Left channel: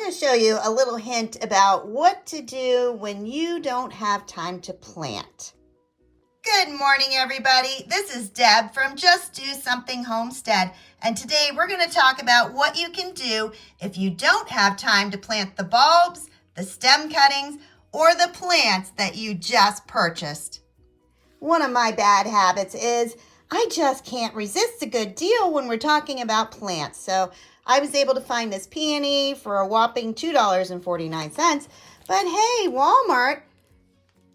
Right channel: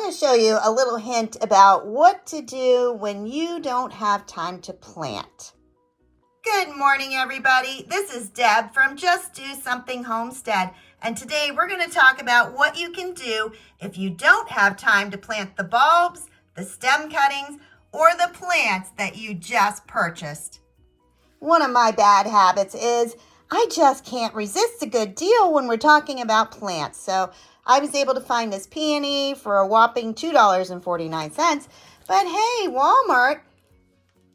I'm going to show you a little hint about what to do when you don't have time to plant. Good morning, everybody. This is Deb from Just Do Something Homestead, and today we're going to talk about what you can do if you don't have time to plant the bulbs, the stem cuttings, or the plants that you just purchased. One of my bad habits is I just can't resist a good deal when we're talking about plants. So I was able to find this peony for a whopping $2.49. But hey, Walmart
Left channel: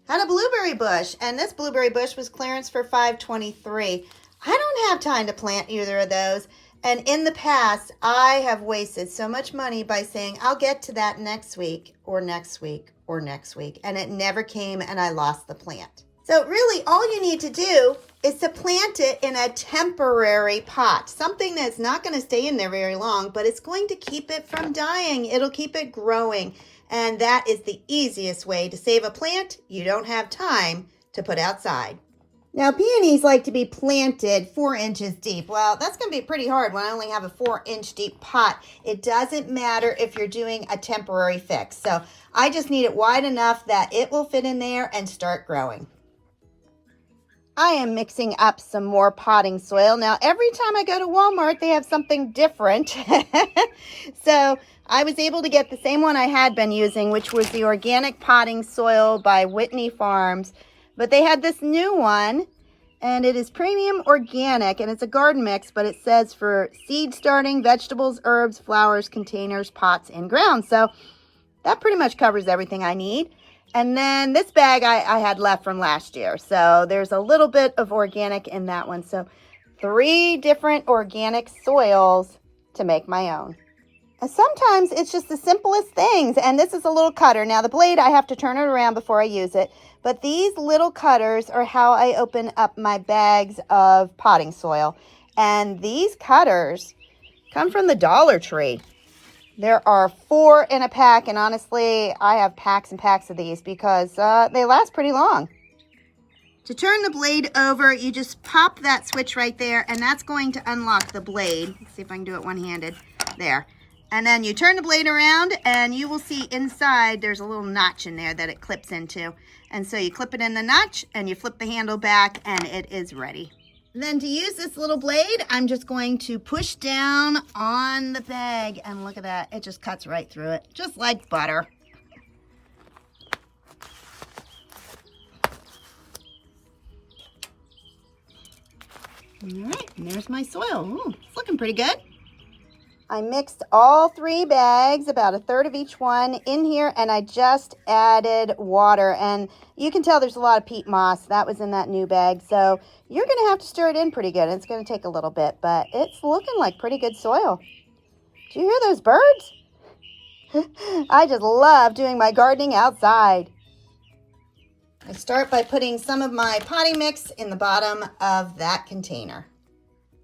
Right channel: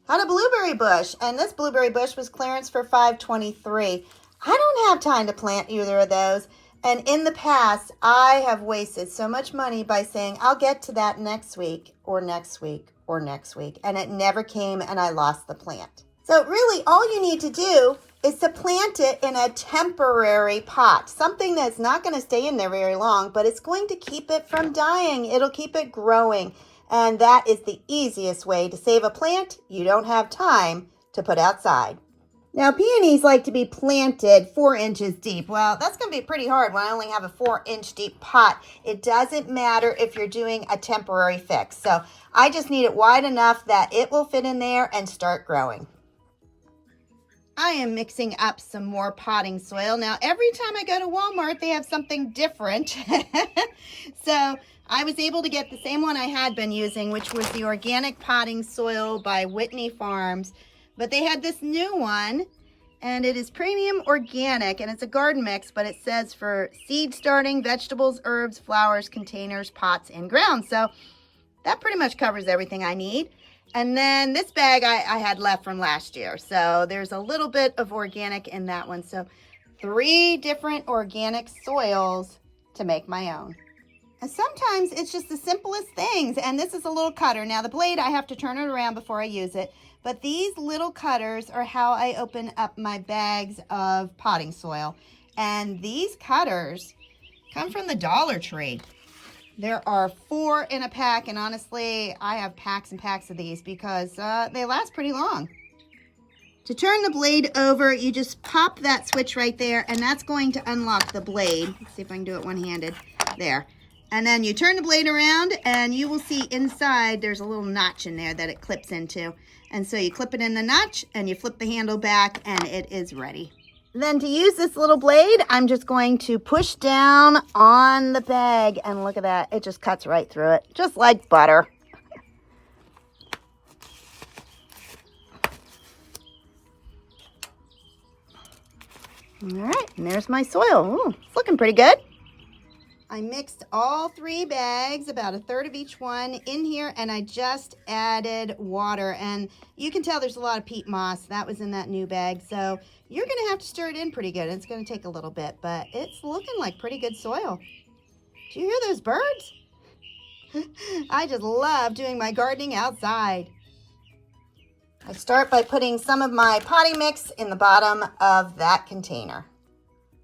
had a blueberry bush, and this blueberry bush was clearance for $5.23. I don't have time to plant either of those. And in the past, I have wasted so much money by saying, I'll get to that next week or next week or next week. And it never came, and I lost the plant. So really, all you need to do is to plant it in a temporary pot, something that's not going to stay in there very long, but it's going to keep it from dying. It'll keep it growing. And that is the easiest way to save a plant you don't have time to put outside. Now, peonies like to be planted 4 inches deep. Well, that's going to be pretty hard when I only have a 4-inch deep pot. It doesn't matter if you're doing a temporary fix. So I just need it wide enough that it will fit in there and start growing. I am mixing up some more potting soil. Now, every time I go to Walmart, they have something different. So I was able to get the same one I had been using, which was the organic potting soil by Whitney Farms. But they had this new one, and it is premium organic, and it's a garden mix, but it says for seed starting, vegetables, herbs, flowers, containers, pots, and ground. So that pretty much covers everything I need. And then this bag I had left from last year. So there's a little bit of organic in that one. So 3 different organic soils to make my own. And sometimes it's just the simplest things. And this is a little cutter. Now the blade, I have to turn it around before I use it. But these little cutters are how I open up my bags of potting soil. And these cutters come from the Dollar Tree. There are 4 in a pack, and honestly, I have packs and packs of these because they last pretty long. To turn the blade over, you just pop that switch right there, and that's going to unlock the blade. Let's see if I can do it one-handed. There. And then you turn the blade around, and you will see inside there's a little notch in there that it clips into. And so you clip it in the notch, and you flip the handle back, and it is ready. Then to use this little blade, I'm just going to push down on the bag, and look at that. It just cuts right through it, just like butter. All right, and there's my soil. Ooh, it's looking pretty good. I mixed all 3 bags, about 1/3 of each one, in here, and I just added water. And you can tell there's a lot of peat moss. That was in that new bag. So you're going to have to stir it in pretty good. It's going to take a little bit, but it's looking like pretty good soil. Do you hear those birds? I just love doing my gardening outside. I start by putting some of my potting mix in the bottom of that container.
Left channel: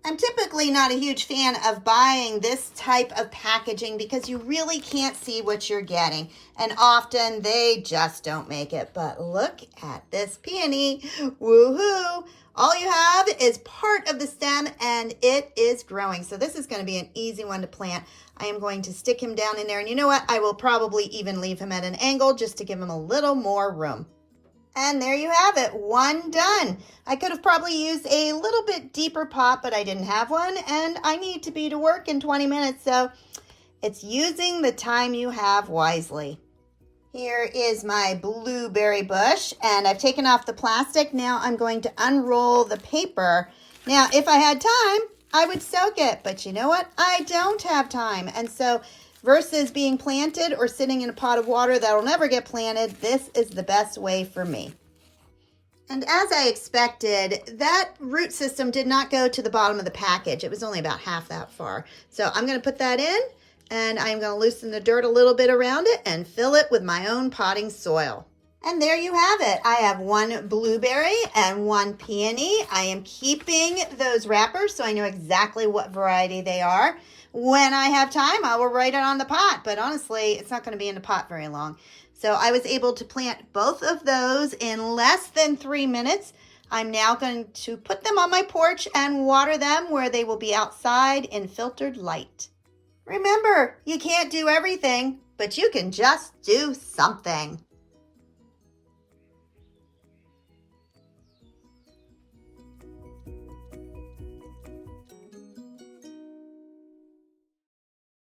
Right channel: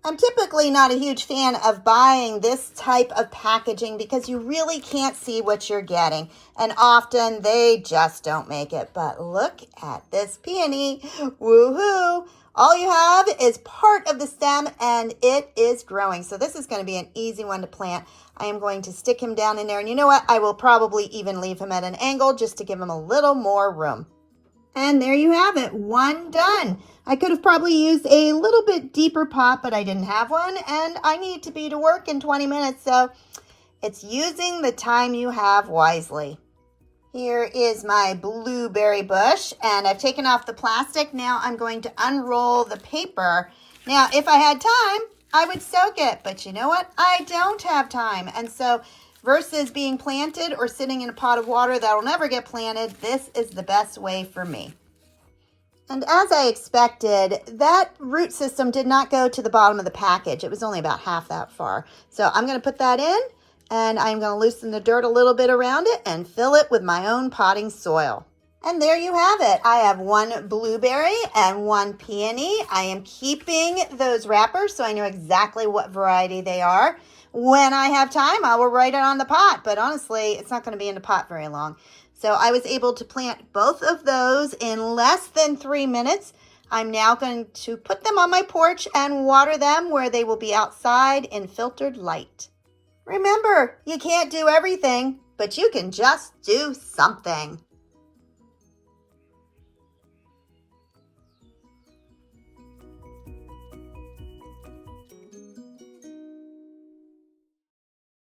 I'm typically not a huge fan of buying this type of packaging because you really can't see what you're getting. And often they just don't make it. But look at this peony. Woohoo! All you have is part of the stem and it is growing. So this is going to be an easy one to plant. I am going to stick him down in there. And you know what? I will probably even leave him at an angle just to give him a little more room. And there you have it, one done. I could have probably used a little bit deeper pot, but I didn't have one, and I need to be to work in 20 minutes, so it's using the time you have wisely. Here is my blueberry bush, and I've taken off the plastic. Now I'm going to unroll the paper. Now, if I had time, I would soak it, but you know what? I don't have time, and so versus being planted or sitting in a pot of water that will never get planted, this is the best way for me. And as I expected, that root system did not go to the bottom of the package. It was only about half that far. So I'm going to put that in, and I'm going to loosen the dirt a little bit around it and fill it with my own potting soil. And there you have it. I have 1 blueberry and 1 peony. I am keeping those wrappers so I know exactly what variety they are. When I have time, I will write it on the pot, but honestly, it's not going to be in the pot very long. So I was able to plant both of those in less than 3 minutes. I'm now going to put them on my porch and water them where they will be outside in filtered light. Remember, you can't do everything, but you can just do something.